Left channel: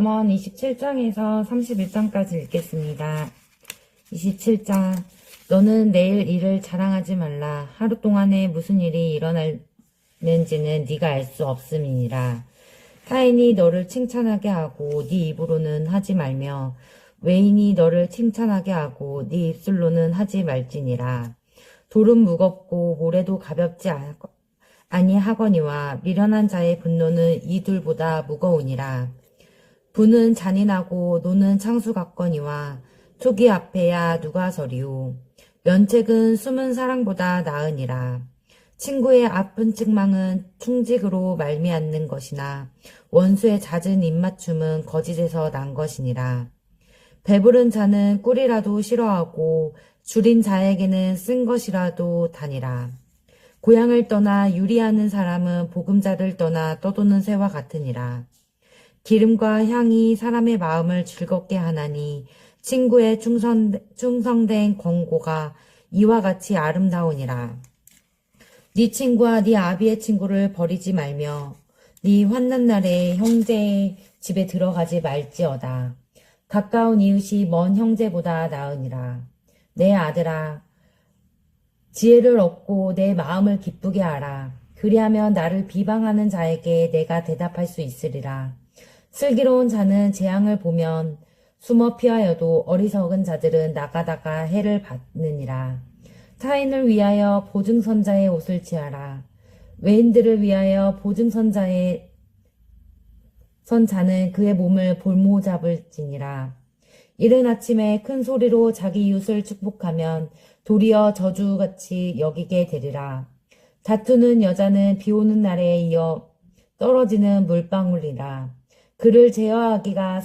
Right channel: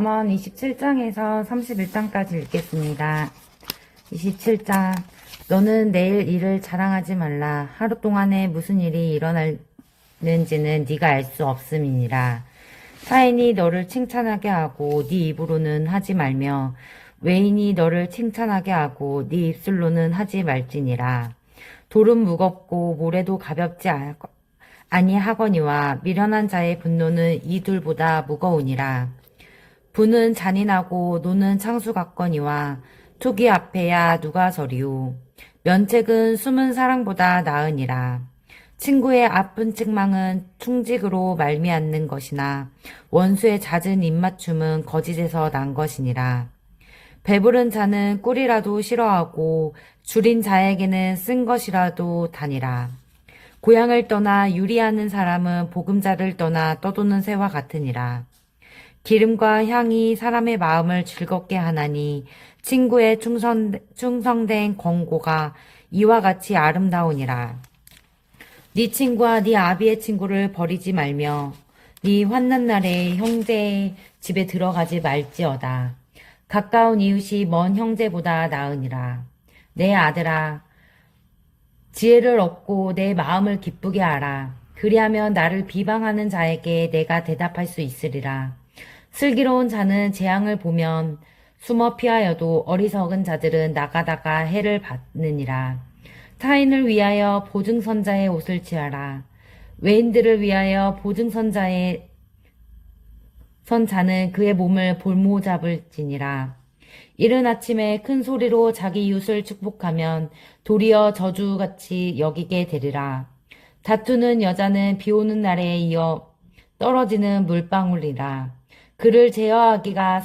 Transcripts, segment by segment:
잠언 27장에서 31장까지 읽겠습니다. 27장. 너는 내일 일을 자랑하지 말라. 하루 동안에 무슨 일이 일어날는지는 네가 알 수 없음이니라. 타인이 너를 칭찬하게 하고 네 입으로는 하지 말며 외인이 너를 칭찬하게 하고 네 입술로는 하지 말지니라. 돌은 무겁고 모래도 가볍지 아니하거니와 미련한 자의 분노는 이 둘보다 무거우니라. 부는 잔인하고 노는 창수 같거니와 토기 앞에야 누가 서리오. 면책은 숨은 사랑보다 나으니라. 친구의 아픈 책망은 충직으로 말미암는 것이나 원수의 잦은 입맞춤은 거짓에서 난 것이니라. 배부른 자는 꿀이라도 싫어하고 줄인 자에게는 쓴 것이라도 다니라. 고향을 떠나 유리하는 사람은 보금자를 떠나 떠도는 새와 같으니라. 기름과 향이 사람의 마음을 즐겁게 하나니 친구의 충성된 권고가 이와 같이 아름다우니라. 네 친구와 네 아비의 친구를 버리지 말며 네 환난 날에 형제의 집에 들어가지 말지어다. 가까운 이웃이 먼 형제보다 나으니라. 내 아들아, 지혜를 얻고 내 마음을 기쁘게 하라. 그리하면 나를 비방하는 자에게 내가 대답할 수 있으리라. 슬기로운 자는 재앙을 보면 숨어 피하여도 어리석은 자들은 나가다가 해를 받느니라. 타인을 위하여 보증선자의 옷을 취하라. 외인들을 위하여 보증선자의 선자는 그의 몸을 볼모잡을지니라. 이른 아침에 큰 소리로 자기 이웃을 축복하면 도리어 저주같이 여기게 되리라. 다투는 여자는 비 오는 날에 이어 떨어지는 물방울이라. 그를 제어하기가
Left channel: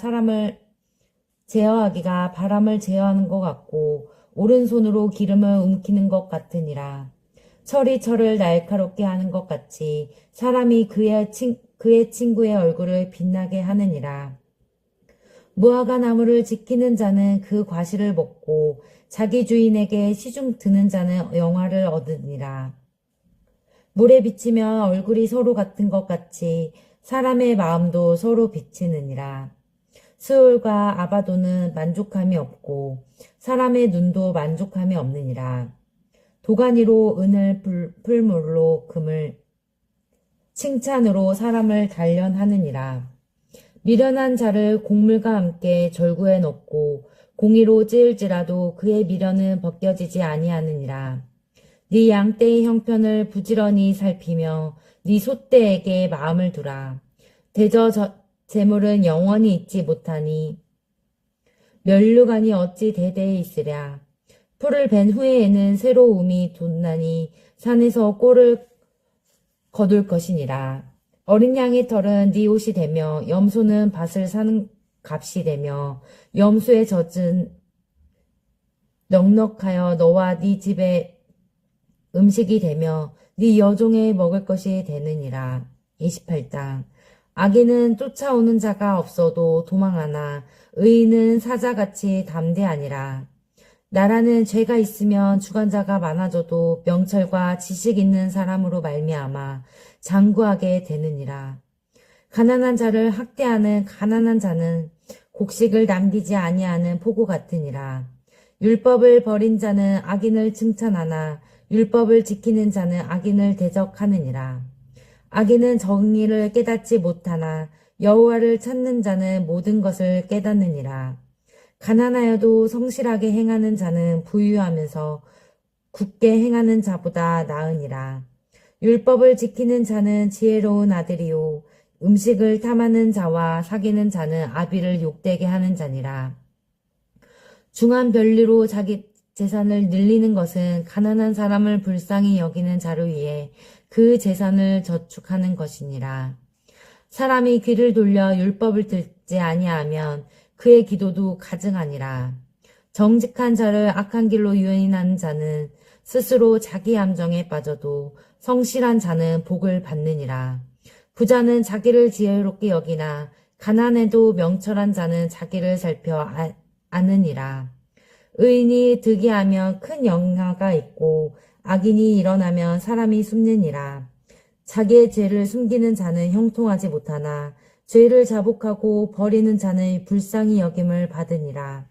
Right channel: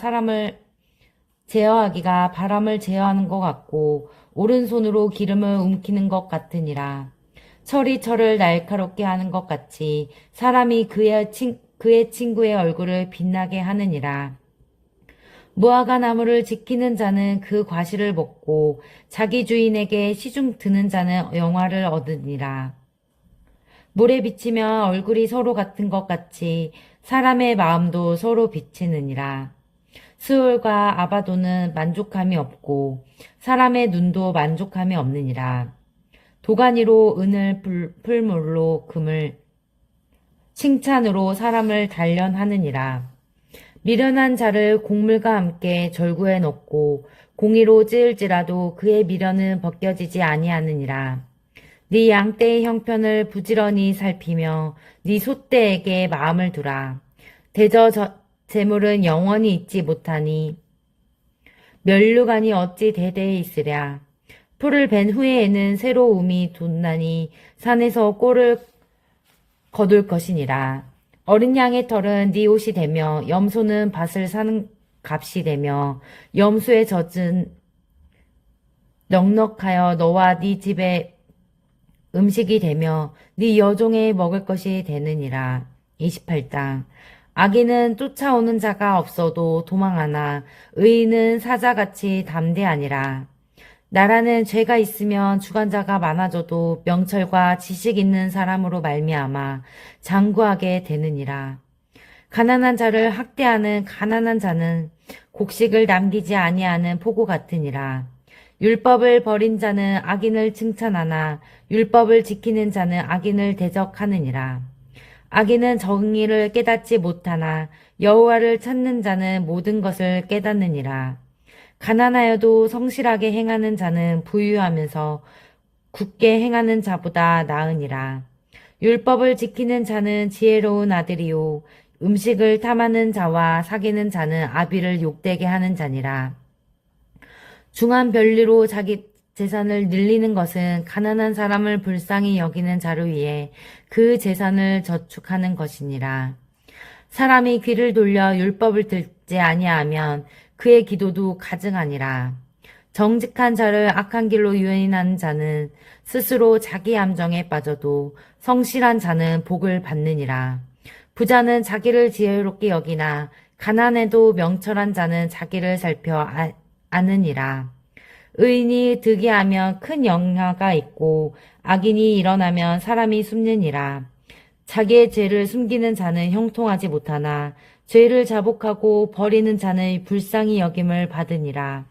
바람을 제어하는 것 같고 오른손으로 기름을 움키는 것 같으니라. 철이 철을 날카롭게 하는 것 같이 사람이 그의 친구의 얼굴을 빛나게 하느니라. 무화과 나무를 지키는 자는 그 과실을 먹고 자기 주인에게 시중 드는 자는 영화를 얻으니라. 물에 비치면 얼굴이 서로 같은 것 같이 사람의 마음도 서로 비치느니라. 스올과 아바도는 만족함이 없고 사람의 눈도 만족함이 없느니라. 도가니로 은을 풀물로 금을 칭찬으로 사람을 단련하느니라. 미련한 자를 곡물과 함께 절구에 넣고 공의로 찌을지라도 그의 미련은 벗겨지지 아니하느니라. 네 양떼의 형편을 부지런히 살피며 네 소떼에게 마음을 두라. 대저 재물은 영원히 있지 못하니 멸류관이 어찌 대대에 있으랴. 풀을 벤 후에에는 새로움이 돋나니 산에서 꼴을 거둘 것이니라. 어린 양의 털은 네 옷이 되며 염소는 밭을 사는 값이 되며 염소의 젖은 넉넉하여 너와 네 집의 음식이 되며 네 여종의 먹을 것이 되느니라. 28장. 악인은 쫓아오는 자가 없어도 도망하나 의인은 사자같이 담대하니라. 나라는 죄가 있으면 주관자가 많아져도 명철과 지식 있는 사람으로 말미암아 장구하게 되느니라. 가난한 자를 학대하는 가난한 자는 곡식을 남기지 아니하는 포고 같으니라. 율법을 버린 자는 악인을 칭찬하나 율법을 지키는 자는 악인을 대적하느니라. 악인은 정의를 깨닫지 못하나 여호와를 찾는 자는 모든 것을 깨닫느니라. 가난하여도 성실하게 행하는 자는 부유하면서 굳게 행하는 자보다 나으니라. 율법을 지키는 자는 지혜로운 아들이요 음식을 탐하는 자와 사귀는 자는 아비를 욕되게 하는 자니라. 중한 별리로 자기 재산을 늘리는 것은 가난한 사람을 불쌍히 여기는 자를 위해 그 재산을 저축하는 것이니라. 사람이 귀를 돌려 율법을 듣지 아니하면 그의 기도도 가증하니라. 정직한 자를 악한 길로 유인하는 자는 스스로 자기 함정에 빠져도 성실한 자는 복을 받느니라. 부자는 자기를 지혜롭게 여기나 가난해도 명철한 자는 자기를 살펴 아느니라. 의인이 득이하면 큰 영화가 있고 악인이 일어나면 사람이 숨느니라. 자기의 죄를 숨기는 자는 형통하지 못하나 죄를 자복하고 버리는 자는 불쌍히 여김을 받으니라.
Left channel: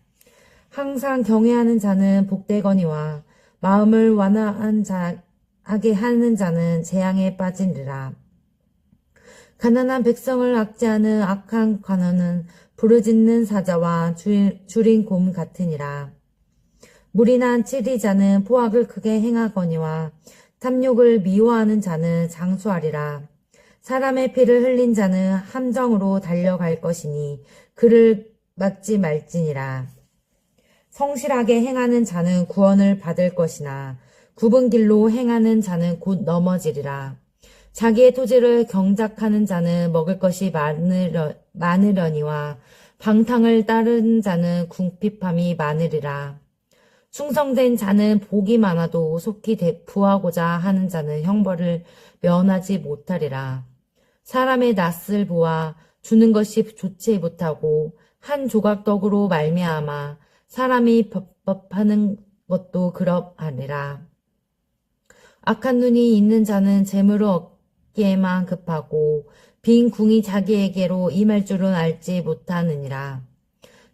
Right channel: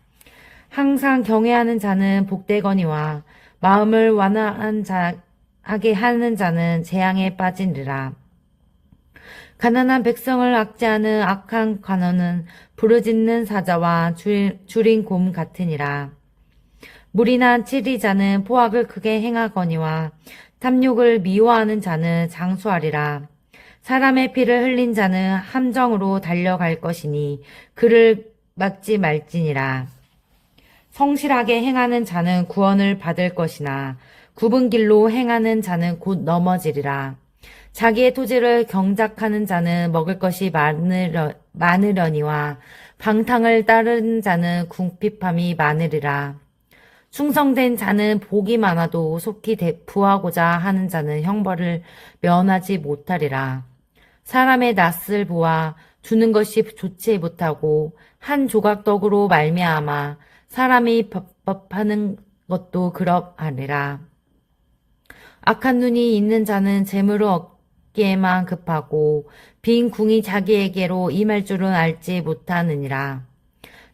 항상 경외하는 자는 복되거니와 마음을 하게 하는 자는 재앙에 빠지리라. 가난한 백성을 압제하는 악한 관원은 부르짖는 사자와 줄인 곰 같으니라. 무리난 치리자는 포악을 크게 행하거니와 탐욕을 미워하는 자는 장수하리라. 사람의 피를 흘린 자는 함정으로 달려갈 것이니 그를 막지 말지니라. 성실하게 행하는 자는 구원을 받을 것이나 굽은 길로 행하는 자는 곧 넘어지리라. 자기의 토지를 경작하는 자는 먹을 것이 많으려니와 방탕을 따르는 자는 궁핍함이 많으리라. 충성된 자는 복이 많아도 속히 부하고자 하는 자는 형벌을 면하지 못하리라. 사람의 낯을 보아 주는 것이 좋지 못하고 한 조각 떡으로 말미암아 사람이 법하는 것도 그러하리라. 악한 눈이 있는 자는 재물을 얻기에만 급하고 빈 궁이 자기에게로 임할 줄은 알지 못하느니라.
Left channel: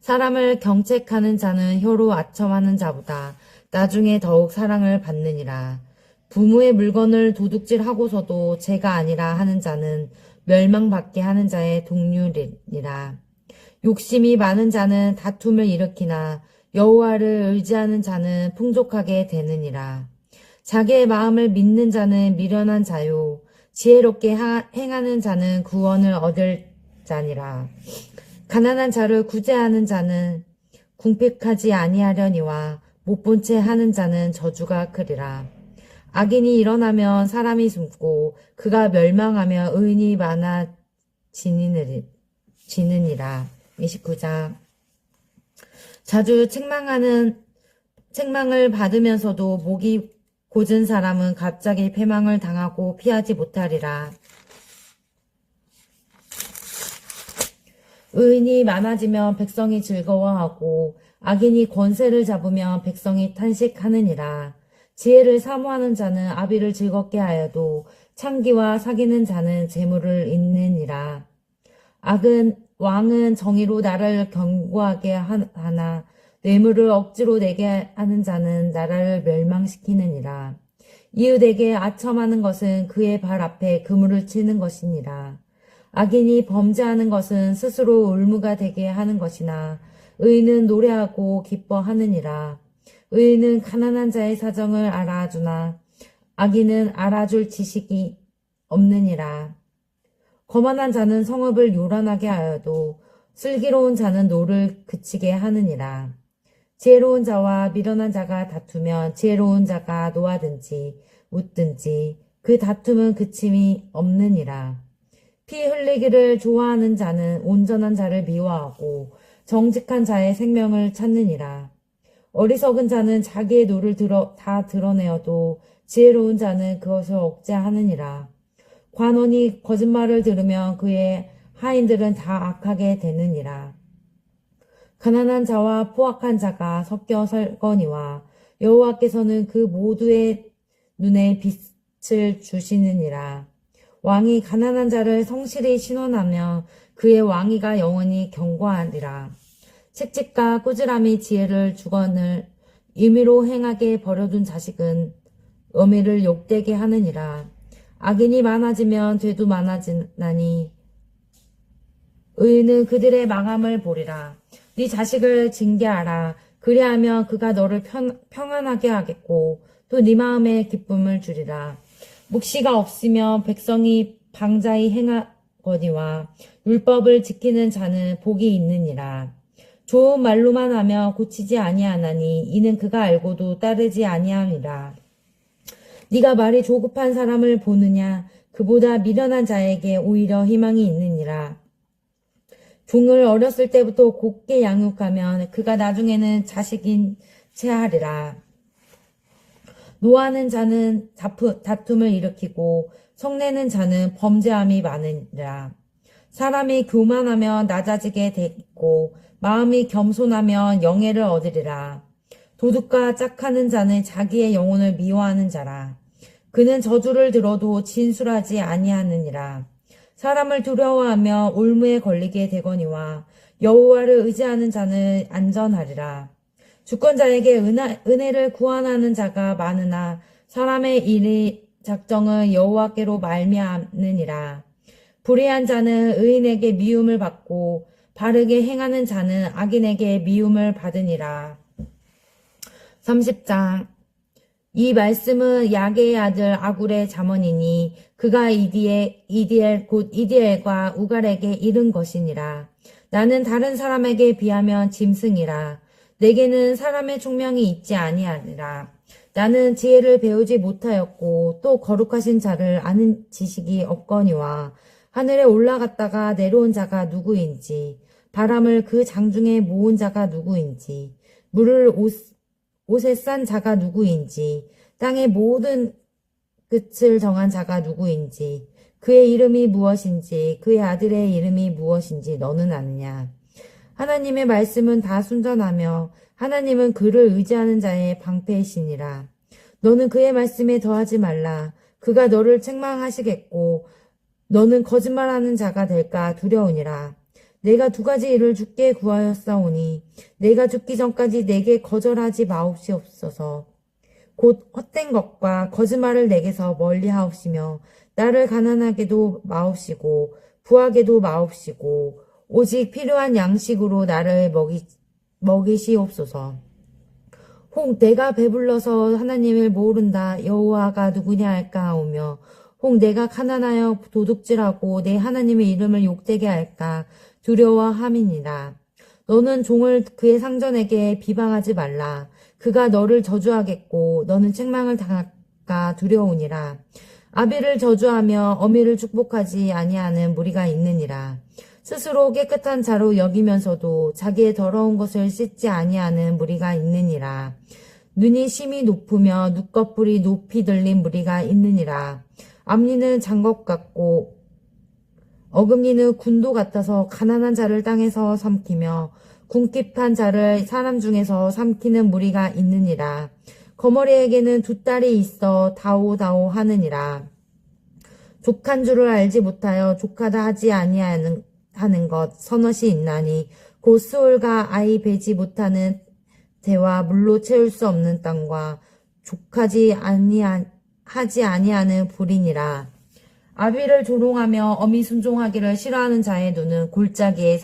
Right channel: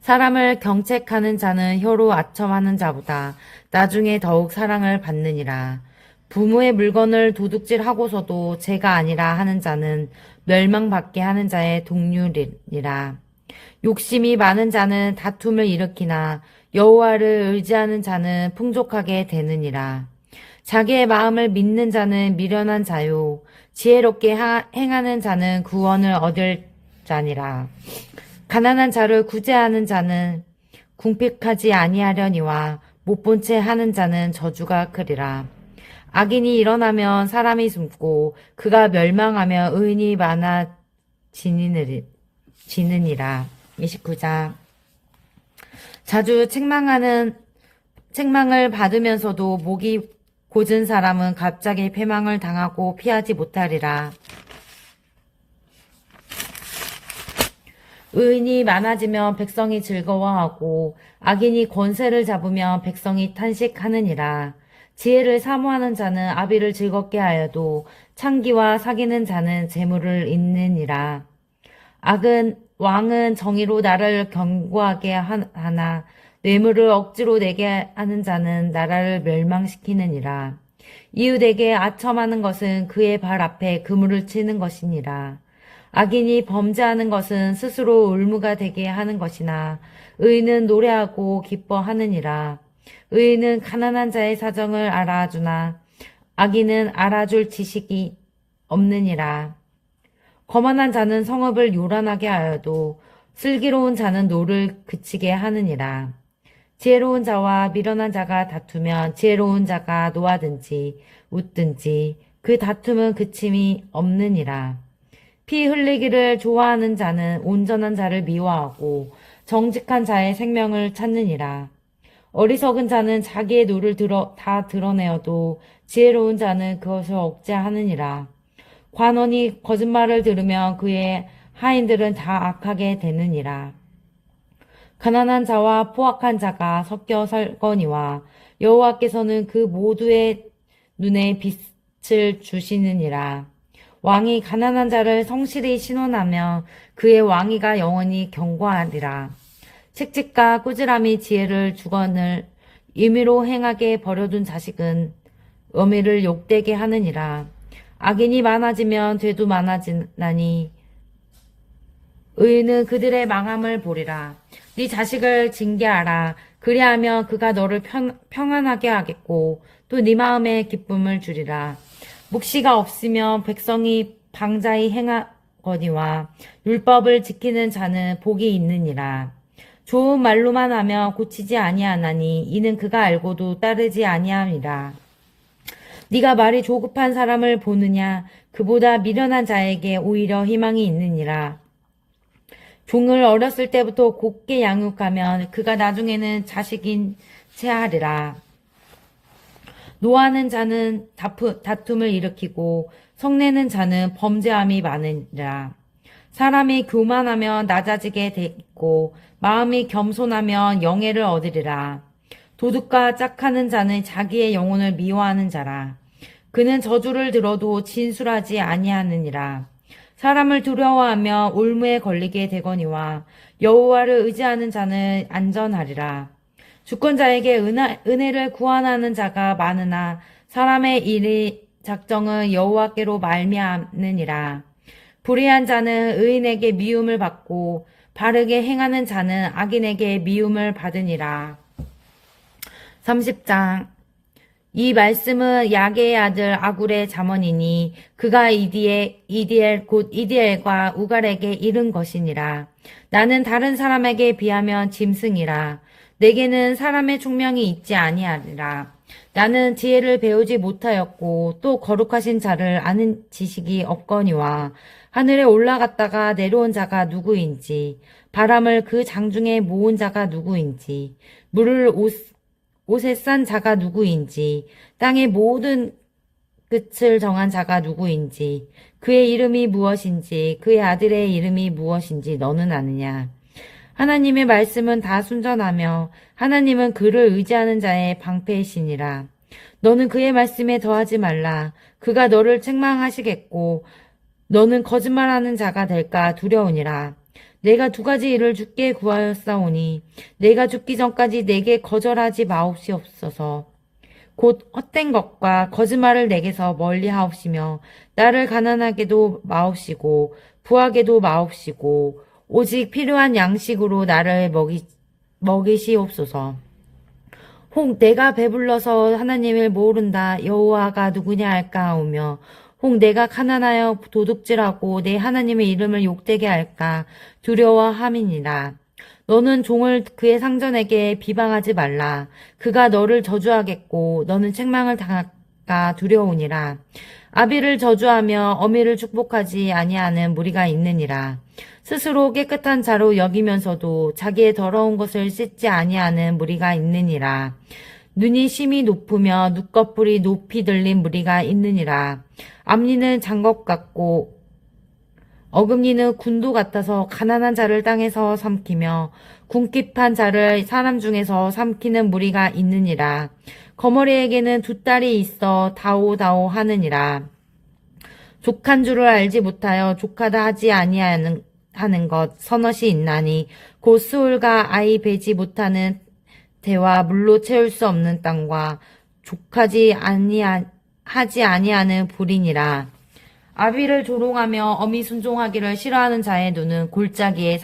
사람을 경책하는 자는 혀로 아첨하는 자보다 나중에 더욱 사랑을 받느니라. 부모의 물건을 도둑질하고서도 죄가 아니라 하는 자는 멸망받게 하는 자의 동률이니라. 욕심이 많은 자는 다툼을 일으키나 여호와를 의지하는 자는 풍족하게 되느니라. 자기의 마음을 믿는 자는 미련한 자요 지혜롭게 행하는 자는 구원을 얻을 자니라. 가난한 자를 구제하는 자는 궁핍하지 아니하려니와 못본 채 하는 자는 저주가 크리라. 악인이 일어나면 사람이 숨고 그가 멸망하며 의인이 많아지느니라. 29장. 자주 책망을 받으면서도 목이 곧은 사람은 갑자기 패망을 당하고 피하지 못하리라. 의인이 많아지면 백성이 즐거워하고 악인이 권세를 잡으면 백성이 탄식하느니라. 지혜를 사모하는 자는 아비를 즐겁게 하여도 창기와 사귀는 자는 재물을 잇느니라. 왕은 정의로 나라를 견고하게 하나 뇌물을 억지로 내게 하는 자는 나라를 멸망시키느니라. 이웃에게 아첨하는 것은 그의 발 앞에 그물을 치는 것이니라. 악인이 범죄하는 것은 스스로 울무가 되게 하는 것이나 의인은 노래하고 기뻐하느니라. 의인은 가난한 자의 사정을 알아주나 악인은 알아줄 지식이 없느니라. 거만한 자는 성읍을 요란하게 하여도 슬기로운 자는 노를 그치게 하느니라. 지혜로운 자와 미련한 자가 다투면 지혜로운 자가 노하든지 웃든지 그 다툼은 그침이 없느니라. 피 흘리기를 좋아하는 자는 온전한 자를 미워하고 정직한 자의 생명을 찾느니라. 어리석은 자는 자기의 노를 다 드러내어도 지혜로운 자는 그것을 억제하느니라. 관원이 거짓말을 들으면 그의 하인들은 다 악하게 되느니라. 가난한 자와 포악한 자가 섞여 살거니와 여호와께서는 그 모두의 눈에 빛을 주시느니라. 왕이 가난한 자를 성실히 신원하며 그의 왕위가 영원히 견고하리라. 책직과 꾸지람이 지혜를 주거늘 임의로 행하게 버려둔 자식은 어미를 욕되게 하느니라. 악인이 많아지면 죄도 많아지나니 의인은 그들의 망함을 보리라. 네 자식을 징계하라. 그리하면 그가 너를 평안하게 하겠고 또 네 마음에 기쁨을 주리라. 묵시가 없으면 백성이 방자히 행하거니와 율법을 지키는 자는 복이 있느니라. 좋은 말로만 하며 고치지 아니하나니 이는 그가 알고도 따르지 아니함이라. 네가 말이 조급한 사람을 보느냐? 그보다 미련한 자에게 오히려 희망이 있느니라. 종을 어렸을 때부터 곱게 양육하면 그가 나중에는 자식인 채 하리라. 노하는 자는 다툼을 일으키고 성내는 자는 범죄함이 많으리라. 사람이 교만하면 낮아지게 되고 마음이 겸손하면 영예를 얻으리라. 도둑과 짝하는 자는 자기의 영혼을 미워하는 자라. 그는 저주를 들어도 진술하지 아니하느니라. 사람을 두려워하며 올무에 걸리게 되거니와 여호와를 의지하는 자는 안전하리라. 주권자에게 은혜를 구원하는 자가 많으나 사람의 일이 작정은 여호와께로 말미암느니라. 불의한 자는 의인에게 미움을 받고 바르게 행하는 자는 악인에게 미움을 받으니라. 30장. 이 말씀은 야게의 아들 아굴의 잠언이니 그가 이디엘 곧 이디엘과 우갈에게 이른 것이니라. 나는 다른 사람에게 비하면 짐승이라. 내게는 사람의 총명이 있지 아니하리라. 나는 지혜를 배우지 못하였고 또 거룩하신 자를 아는 지식이 없거니와 하늘에 올라갔다가 내려온 자가 누구인지 바람을 그 장중에 모은 자가 누구인지 물을 옷에 싼 자가 누구인지 땅의 모든 끝을 정한 자가 누구인지 그의 이름이 무엇인지 그의 아들의 이름이 무엇인지 너는 아느냐. 하나님의 말씀은 다 순전하며 하나님은 그를 의지하는 자의 방패이시니라. 너는 그의 말씀에 더하지 말라. 그가 너를 책망하시겠고 너는 거짓말하는 자가 될까 두려우니라. 내가 두 가지 일을 주께 구하였사오니 내가 죽기 전까지 내게 거절하지 마옵시옵소서. 곧 헛된 것과 거짓말을 내게서 멀리하옵시며 나를 가난하게도 마옵시고 부하게도 마옵시고 오직 필요한 양식으로 나를 먹이시옵소서. 혹 내가 배불러서 하나님을 모른다 여호와가 누구냐 할까 하오며 혹 내가 가난하여 도둑질하고 내 하나님의 이름을 욕되게 할까 두려워함이니라. 너는 종을 그의 상전에게 비방하지 말라. 그가 너를 저주하겠고 너는 책망을 당할까 두려우니라. 아비를 저주하며 어미를 축복하지 아니하는 무리가 있느니라. 스스로 깨끗한 자로 여기면서도 자기의 더러운 것을 씻지 아니하는 무리가 있느니라. 눈이 심히 높으며 눈꺼풀이 높이 들린 무리가 있느니라. 앞니는 장것 같고 어금니는 군도 같아서 가난한 자를 땅에서 삼키며 궁핍한 자를 사람 중에서 삼키는 무리가 있느니라. 거머리에게는 두 딸이 있어 다오다오 하느니라. 족한 줄을 알지 못하여 족하다 하지 아니하는 것 서넛이 있나니 곧 수울과 아이 베지 못하는 대와 물로 채울 수 없는 땅과 하지 아니하는 불이니라. 아비를 조롱하며 어미 순종하기를 싫어하는 자의 눈은 골짜기에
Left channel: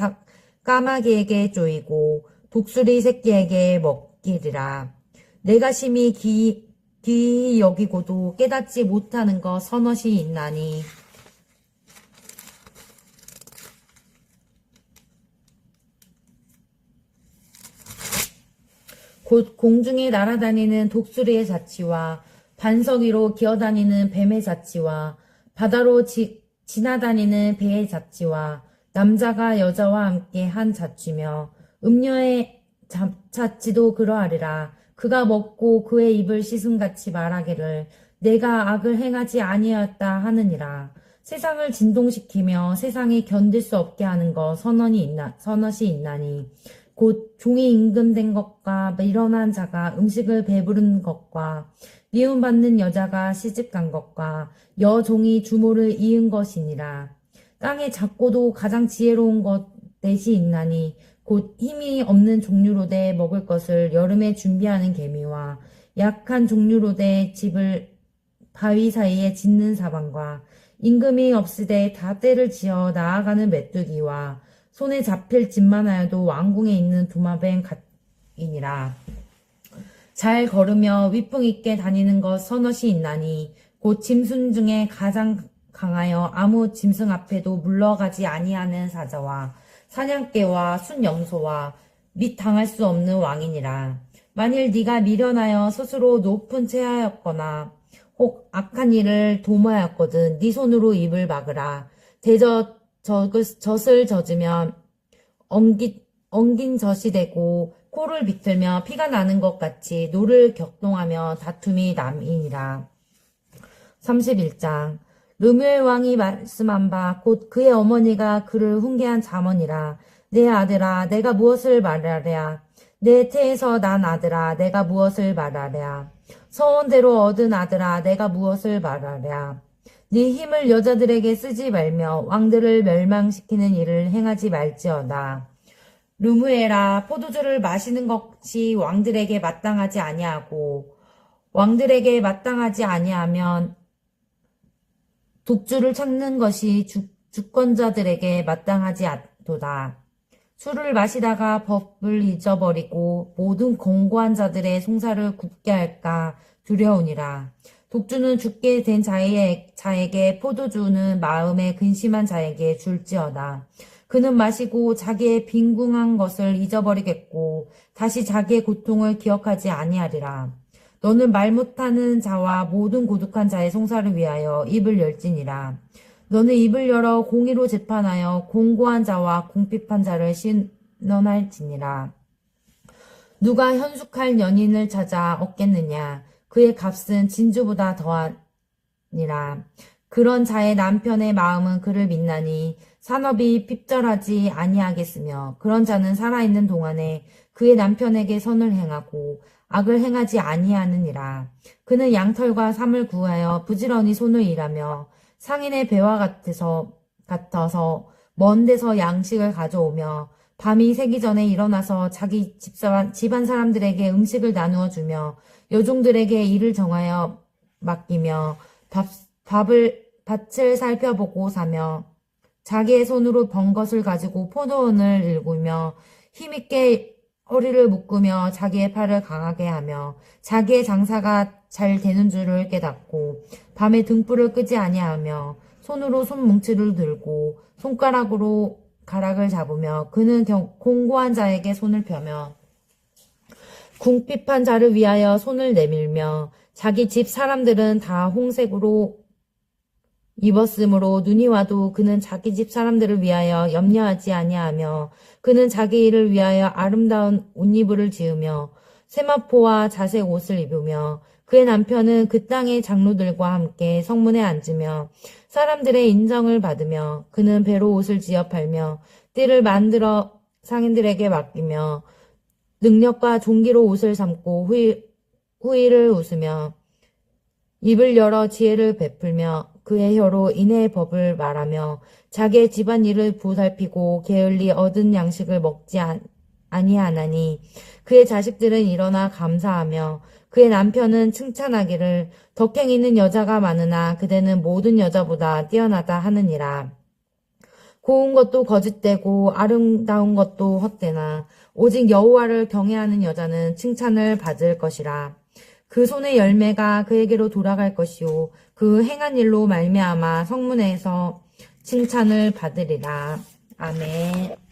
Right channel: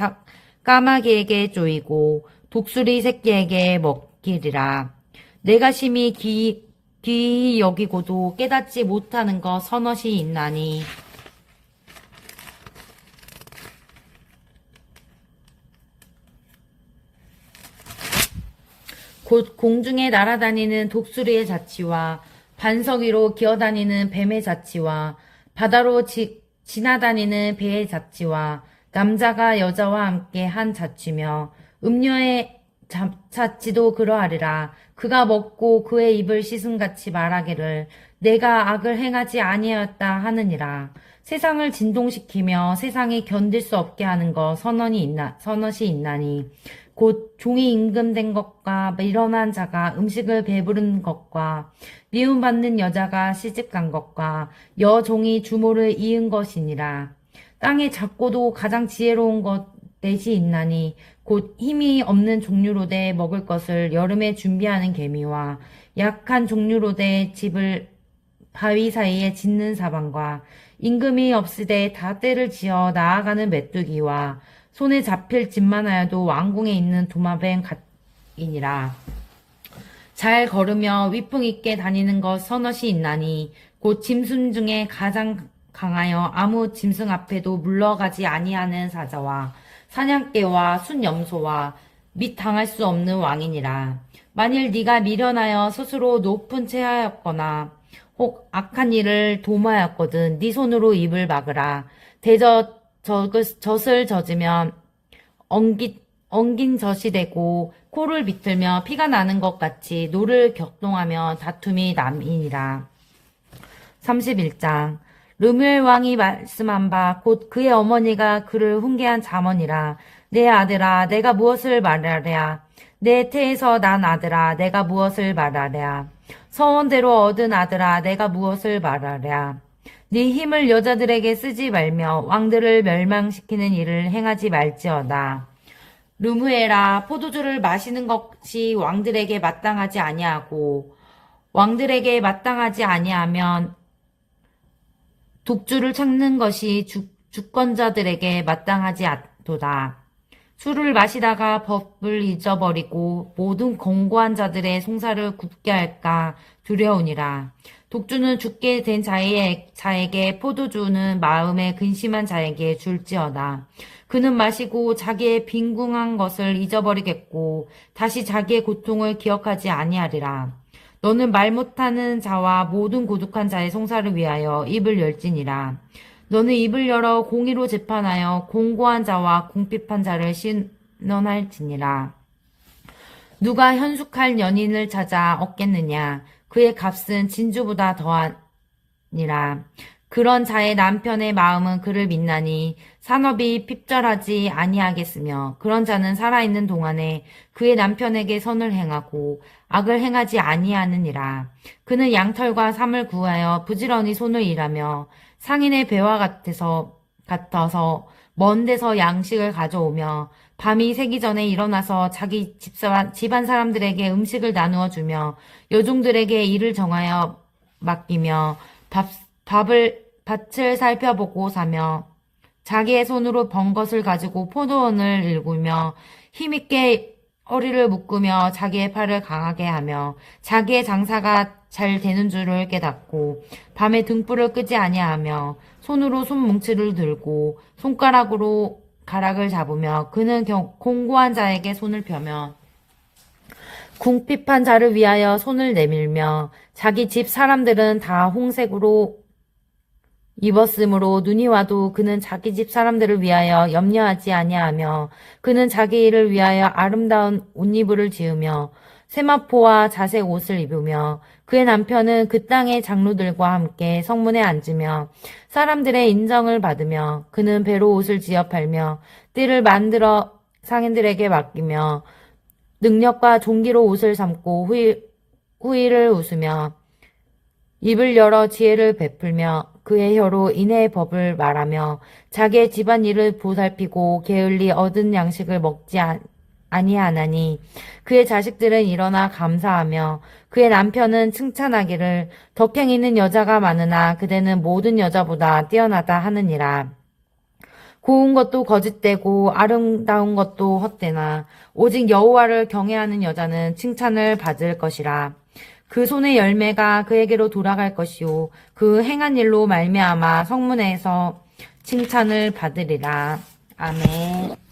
까마귀에게 쪼이고 독수리 새끼에게 먹기리라. 내가 심히 귀히 여기고도 깨닫지 못하는 것 서넛이 있나니 곧 공중에 날아다니는 독수리의 자치와 반석 위로 기어다니는 뱀의 자치와 바다로 지나다니는 배의 자치와 남자가 여자와 함께 한 자치며 음녀의 자치도 그러하리라. 그가 먹고 그의 입을 씻음같이 말하기를 내가 악을 행하지 아니하였다 하느니라. 세상을 진동시키며 세상이 견딜 수 없게 하는 것 서넛이 있나니 곧 종이 임금된 것과 밀어난 자가 음식을 배부른 것과 미움받는 여자가 시집간 것과 여종이 주모를 이은 것이니라. 땅에 작고도 가장 지혜로운 것 넷이 있나니 곧 힘이 없는 종류로되 먹을 것을 여름에 준비하는 개미와 약한 종류로되 집을 바위 사이에 짓는 사방과 임금이 없으되 다 때를 지어 나아가는 메뚜기와 손에 잡힐 집만 하여도 왕궁에 있는 도마뱀 같이니라. 잘 걸으며 위풍 있게 다니는 것 서넛이 있나니 곧 짐승 중에 가장 강하여 아무 짐승 앞에도 물러가지 아니하는 사자와 사냥개와 순염소와 및 당할 수 없는 왕이니라. 만일 네가 미련하여 스스로 높은 채 하였거나 혹 악한 일을 도모하였거든 네 손으로 입을 막으라. 젖을 젖으면 엉긴 젖이 되고 코를 비틀며 피가 나는 것 같이 노를 격동하며 다툼이 남이니라. 31장. 르멜 왕이 말씀한 바 곧 그의 어머니가 그를 훈계한 잠언이라. 내 아들아 내가 무엇을 말하랴. 내 태에서 난 아들아 내가 무엇을 말하랴. 서원대로 얻은 아들아 내가 무엇을 말하랴. 네 힘을 여자들에게 쓰지 말며 왕들을 멸망시키는 일을 행하지 말지어다. 르무에라, 포도주를 마시는 것이 왕들에게 마땅하지 아니하고 왕들에게 마땅하지 아니하면 독주를 찾는 것이 주권자들에게 마땅하지 않도다. 술을 마시다가 법을 잊어버리고 모든 권고한 자들의 송사를 굽게 할까 두려우니라. 독주는 죽게 된 자에게 포도주는 마음에 근심한 자에게 줄지어다. 그는 마시고 자기의 빈궁한 것을 잊어버리겠고 다시 자기의 고통을 기억하지 아니하리라. 너는 말 못하는 자와 모든 고독한 자의 송사를 위하여 입을 열지니라. 너는 입을 열어 공의로 재판하여 공고한 자와 궁핍한 자를 신원할지니라. 누가 현숙할 연인을 찾아 얻겠느냐? 그의 값은 진주보다 더하니라. 그런 자의 남편의 마음은 그를 믿나니 산업이 핍절하지 아니하겠으며 그런 자는 살아있는 동안에 그의 남편에게 선을 행하고 악을 행하지 아니하느니라. 그는 양털과 삼을 구하여 부지런히 손을 일하며 상인의 배와 같아서 먼 데서 양식을 가져오며 밤이 새기 전에 일어나서 자기 집안 사람들에게 음식을 나누어 주며 여종들에게 일을 정하여 맡기며 밭을 살펴보고 사며 자기의 손으로 번 것을 가지고 포도원을 일구며 힘있게 허리를 묶으며 자기의 팔을 강하게 하며 자기의 장사가 잘 되는 줄을 깨닫고 밤에 등불을 끄지 아니하며 손으로 손뭉치를 들고 손가락으로 가락을 잡으며 그는 공고한 자에게 손을 펴며 궁핍한 자를 위하여 손을 내밀며 자기 집 사람들은 다 홍색으로 입었으므로 눈이 와도 그는 자기 집 사람들을 위하여 염려하지 아니하며 그는 자기 일을 위하여 아름다운 옷이불을 지으며 세마포와 자색 옷을 입으며 그의 남편은 그 땅의 장로들과 함께 성문에 앉으며 사람들의 인정을 받으며 그는 배로 옷을 지어 팔며 띠를 만들어 상인들에게 맡기며 능력과 종기로 옷을 삼고 후일을 웃으며 입을 열어 지혜를 베풀며 그의 혀로 인애의 법을 말하며 자기의 집안일을 보살피고 게을리 얻은 양식을 먹지 아니하나니 그의 자식들은 일어나 감사하며 그의 남편은 칭찬하기를 덕행있는 여자가 많으나 그대는 모든 여자보다 뛰어나다 하느니라. 고운 것도 거짓되고 아름다운 것도 헛되나 오직 여호와를 경외하는 여자는 칭찬을 받을 것이라. 그 손의 열매가 그에게로 돌아갈 것이요 그 행한 일로 말미암아 성문에서 칭찬을 받으리라. 아멘.